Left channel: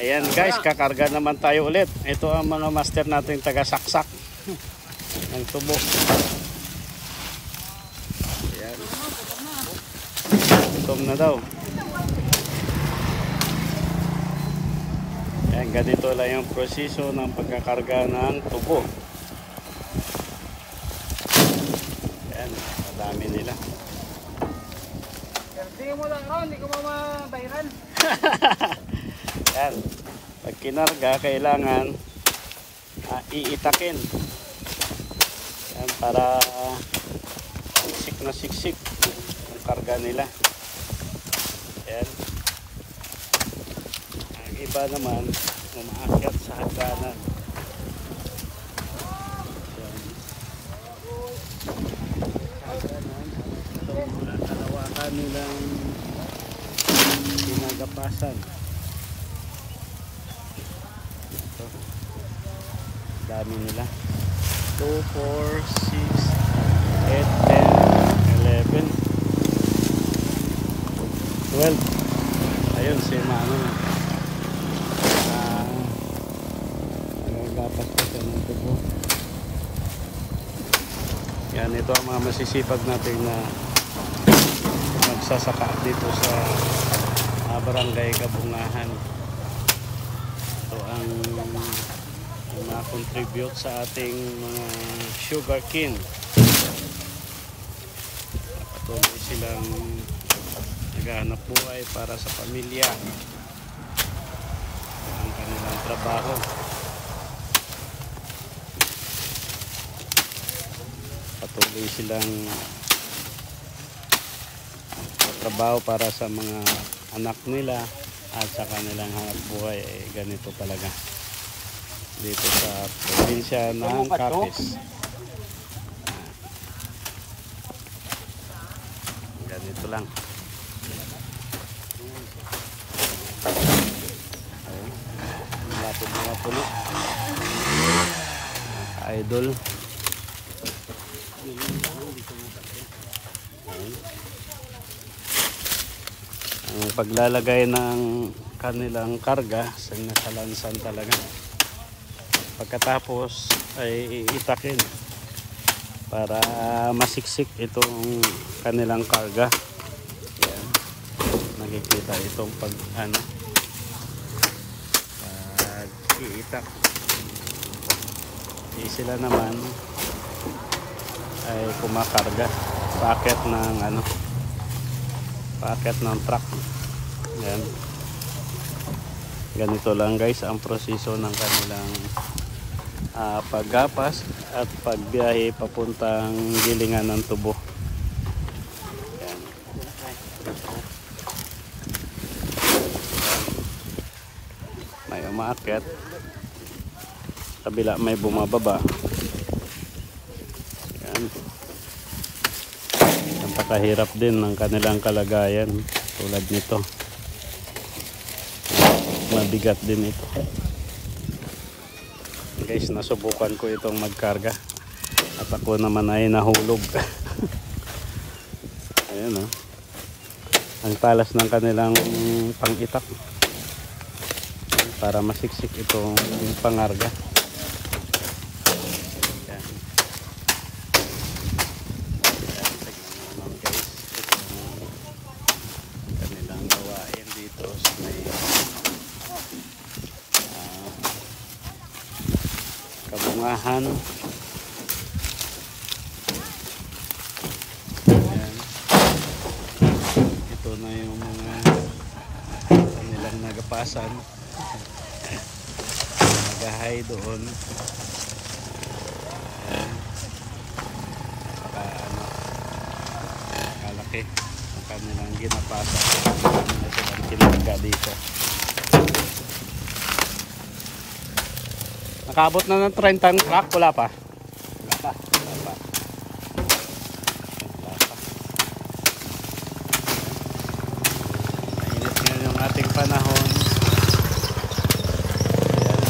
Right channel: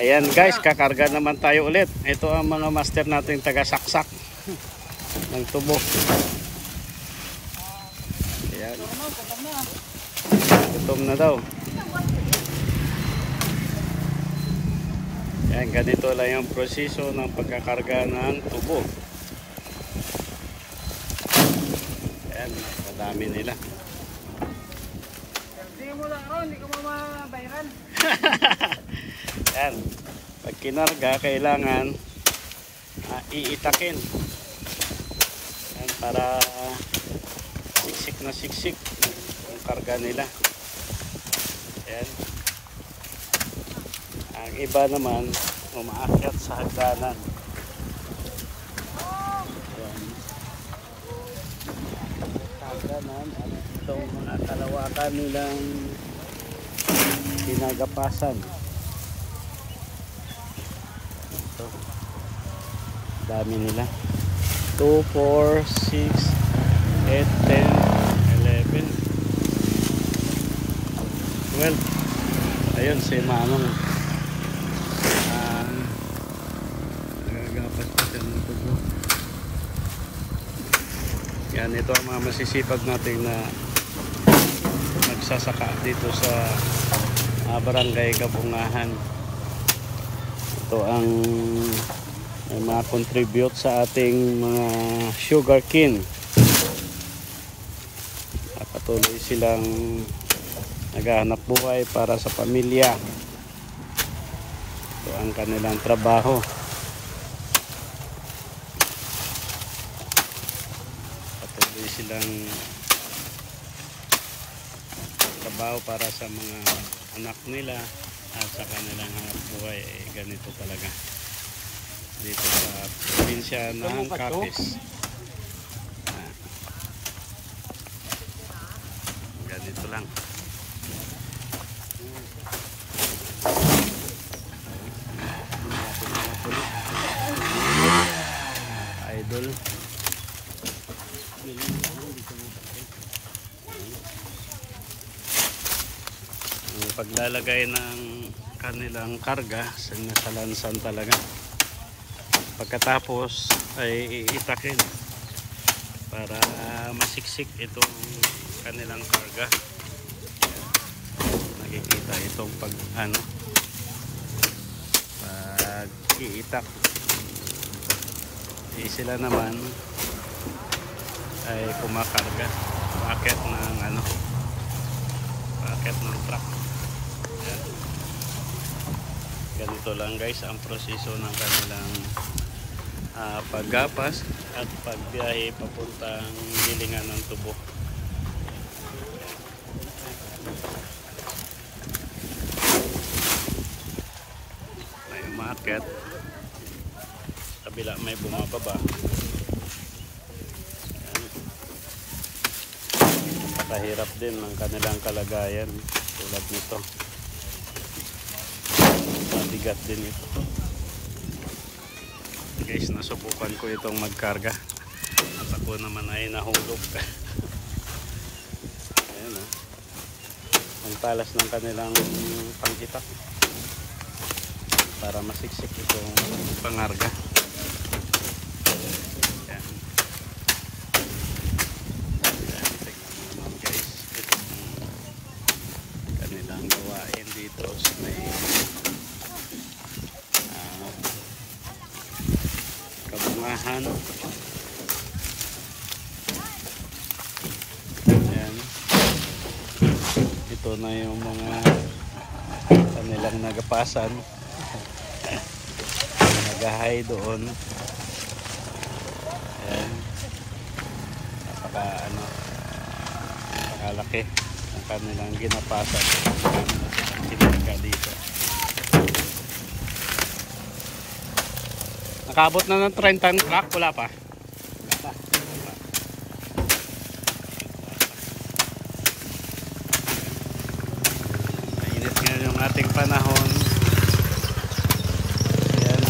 Ayan guys, kakarga naman tayo ulit. Ito ang mga master natin taga-saksak ng tubo. Ayan. Gutom na daw. Ayan, ganito lang yung proseso ng pagkakarga ng tubo. Ayan, kadami nila. Hindi mo lang ron, hindi ko mamabayran. Yan. Pag kinarga, kailangan iitakin. Yan, para siksik na siksik yung karga nila. Yan. Ang iba naman, umaakyat sa hagdanan. Yan. Sa hagdanan, at itong mga kalawakan nilang pinagapasan. Dami nila. 2, 4, 6, 8, 10, 11, 12. Ayun si Manong. Nagagapas pa siya ng tubo. Yan, ito ang mga masisipag natin na magsasaka dito sa Barangay Kabungahan. Ito ang ma-contribute sa ating mga sugarcane. Patuloy silang naghahanap buhay para sa pamilya. Ito ang kanilang trabaho. Patuloy silang trabaho para sa mga anak nila at sa kanilang hanap buhay. Ganito talaga dito sa probinsya ng Capiz. Ganito lang. Mga puno. Idol. Ang paglalagay ng kanilang karga sa nakalansan talaga. Pagkatapos ay iitakin para masiksik itong kanilang karga. Nakikita itong pag iitak. Sila naman ay kumakarga packet ng packet ng truck. Yan. Ganito lang guys ang proseso ng kanilang paggapas at pagbiyahe papuntang gilingan ng tubo. May umaakyat, kabila may bumababa. Nakahirap din ng kanilang kalagayan tulad nito. Mabigat din ito. Guys, nasubukan ko itong magkarga at ako naman ay nahulog. Ayan ang talas ng kanilang pangitak para masiksik itong pangarga. Ayan. Ayan, tignan mo naman guys itong kanilang gawain dito sa may Kabungahan. Ayan. Ito na yung mga kanilang nagapasan. Nagahay doon. Ayan. Napakalaki ang kanilang ginapasan. Kanilang silang kinarga dito. Nakabot na ng 30 truck, wala pa. Mainit ngayon yung ating panahon. Ayan.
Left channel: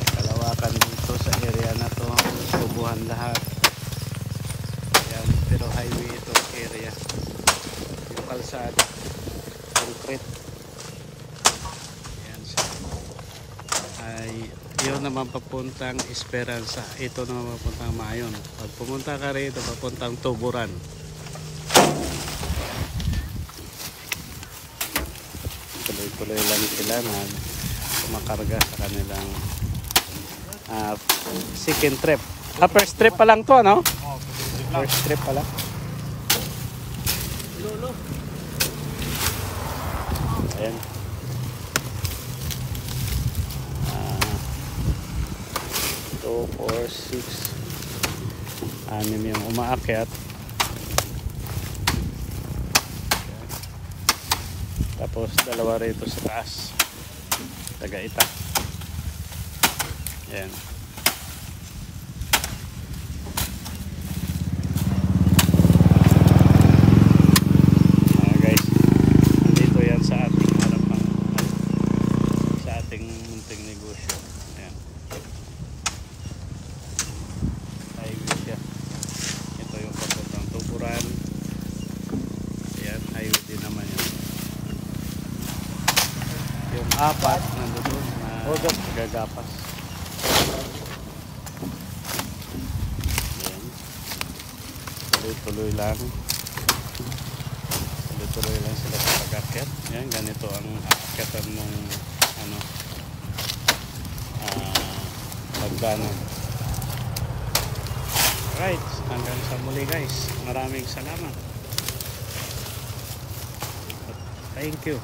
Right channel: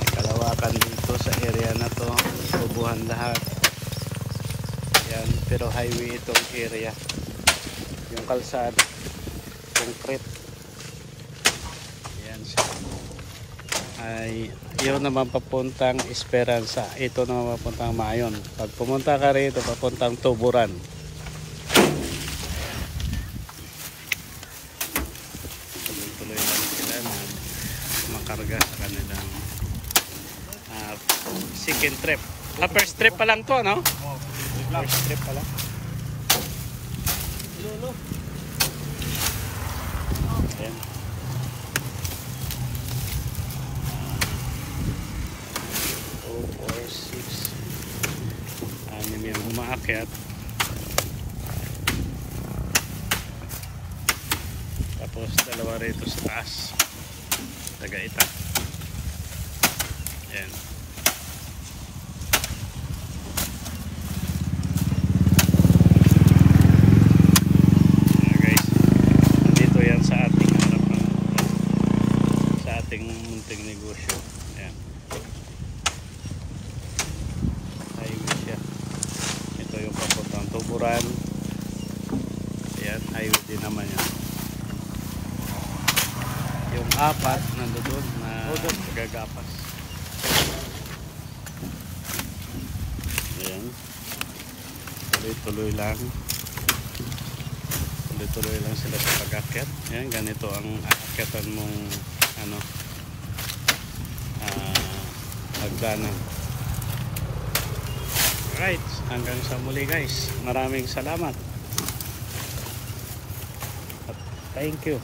May kalawakan dito sa area na to. Tubuhan lahat. Ayan, pero highway itong area. Yung kalsada, concrete. Ayan siya. Ay, yun naman papuntang Esperanza. Ito naman papuntang Mayon. Pag pumunta ka rito, papuntang Tuburan. Ayan. Tuloy-tuloy lang sila na kumakarga sa kanilang second trip. First trip pa lang to, ano? First trip pa lang. Lolo. Ayan. 2, 4, 6. 6 yung umaakyat. Tapos dalawa rito sa taas. Tagaita. Ayan. Guys, nandito yan sa ating harapan, sa ating munting negosyo. Ayan. Highway siya. Ito yung papuntang Tuburan. Ayan, highway din naman yan. Yung apat nandoon na gagapas. Ayan. Tuloy-tuloy lang. Tuloy-tuloy lang sila sa pag-akyat. Ayan, ganito ang aakyatan mong pagdanan. Alright, hanggang sa muli guys. Maraming salamat. Thank you.